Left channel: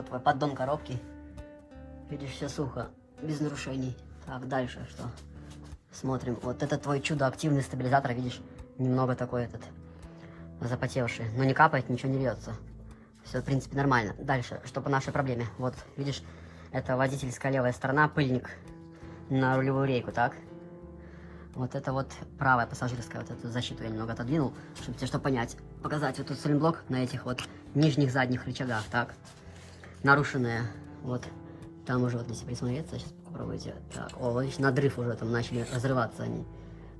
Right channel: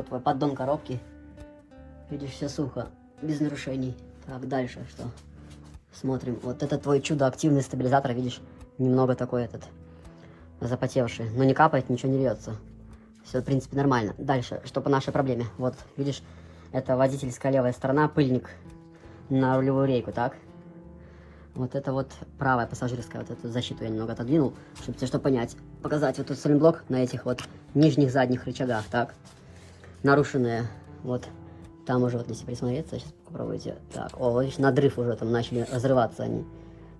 вот твой поддон коробки. Видишь, все сухо, без нарушений. Так, дальше что? Смотрим. Вот это твой чудо-активный стабилизатор, видишь, немного такой этот запотевший. Но не капает, ничего не льется. Все, в принципе, нормально. Дальше, что по нашей проблеме. Вот, видишь, это водительская левая сторона, пыльник на рулевую рейку, так? Вот это вот правая пассажирская, вот эту защиту я немного отодвинул, чтобы тебе что понять. Показать вот тут сайлентблок на этих вот нижних задних рычагах, так? Нарушенные, вот. Там уже вот, если присмотреться, сейчас попробуйте. Так, о, вот видишь, надрыв уже там начали разрываться они.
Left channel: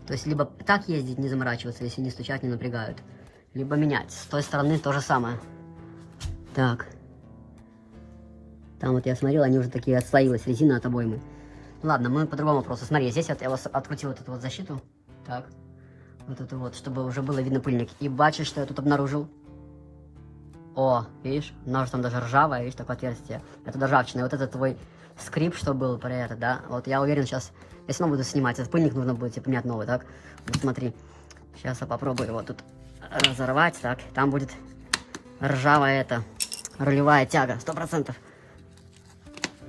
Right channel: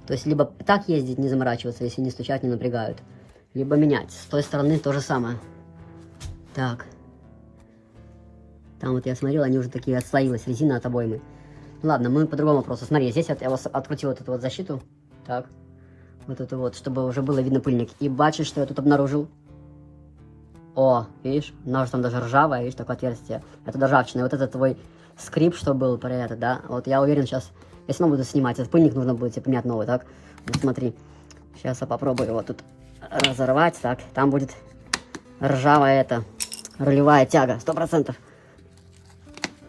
То есть, либо так ездить, не заморачиваться, если не стучать, не напрягают. Либо менять. С той стороны то же самое. Так. Там вот я смотрел, они уже такие отслоилась резина от обоймы. Ладно, мы по-другому вопросу. Смотри, здесь вот я открутил вот эту вот защиту. Так. Вот эту вот, чтобы уже было видно пыльник. И бачишь, что я тут обнаружил? О, видишь? Она уже там даже ржавая, видишь, такое отверстие. Это ржавчина. Вот это твой скрип, что был про это, да? Вот я уверен, сейчас, если снова буду снимать этот пыльник, нужно будет тебе поменять новый, так? Вот смотри. Сейчас я попробую его тут разорвать, так. Там будет ржавая эта рулевая тяга, 100%.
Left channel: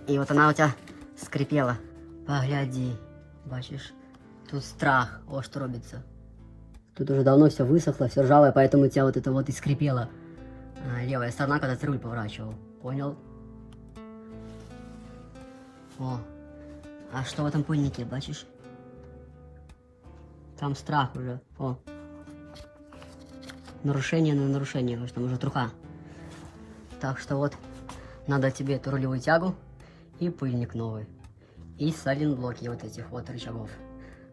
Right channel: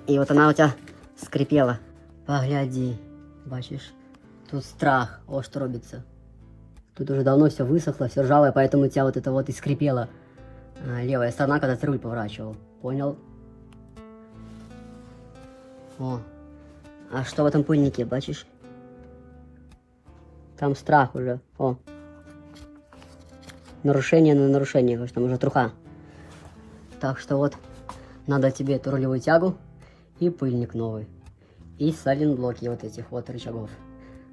И вот она у тебя скрипела. Погляди, бачишь? Тут страх, о, что робится. Тут уже давно все высохло, все ржавое, поэтому у тебя вот это вот и скрипело. Левая сторона, когда ты руль поворачивал. Понял? О. А что в этом пыльнике, бачишь? Там страх уже. О. Нарушение на нарушение, потому что там уже труха. Так что вот, надо тебе эту рулевую тягу и пыльник новый. И сайлентблоки вот этих вот рычагов.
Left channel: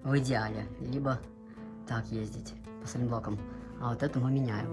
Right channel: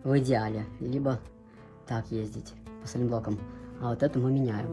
В идеале. Либо так ездить по сайлентблокам. А вот это мы меняем.